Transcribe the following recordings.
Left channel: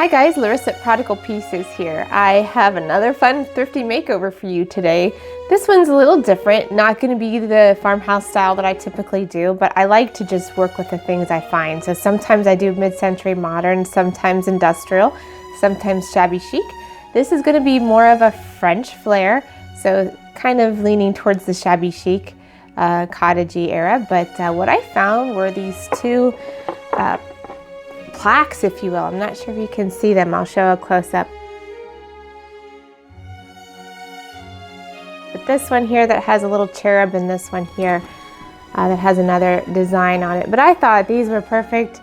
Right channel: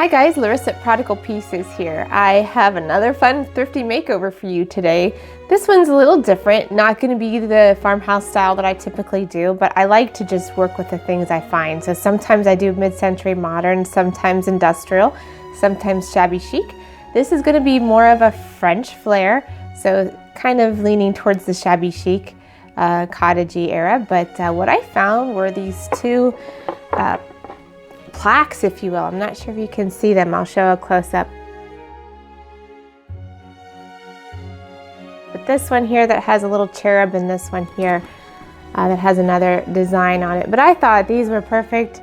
Hi guys, Larissa at Prodigal Pieces here. I have another fun thrifty makeover for you today. This one's a little different, not going to be the farmhouse style that I typically do, but I like to just work with the things I find. So sometimes I do mid-century modern, sometimes industrial, sometimes shabby chic. This is going to be more of a French flair, so kind of leaning towards the shabby chic, cottagey era. But what I found were these two plaques, if you will. I'm not sure if you can see them. I'll show a close-up. But this one here that has a little cherub, and this one here that has another design on it. But I thought these were perfect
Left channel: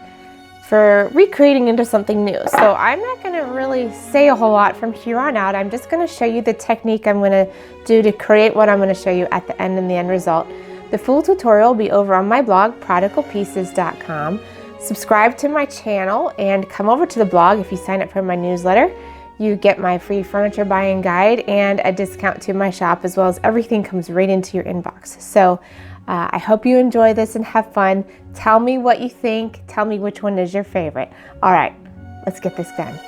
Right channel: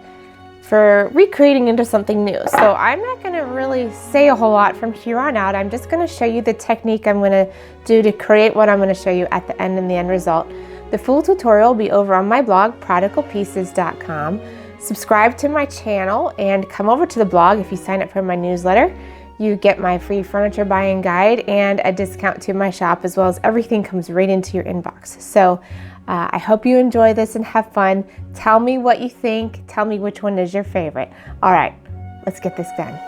for recreating into something new. So I'm not going to really say a whole lot from here on out. I'm just going to show you the technique I'm going to do to create what I'm going to show you at the end and the end result. The full tutorial will be over on my blog, prodigalpieces.com. Subscribe to my channel and come over to the blog. If you sign up for my newsletter, you get my free furniture buying guide and a discount to my shop, as well as everything comes right into your inbox. So I hope you enjoy this and have fun. Tell me what you think. Tell me which one is your favorite. All right, let's get this done.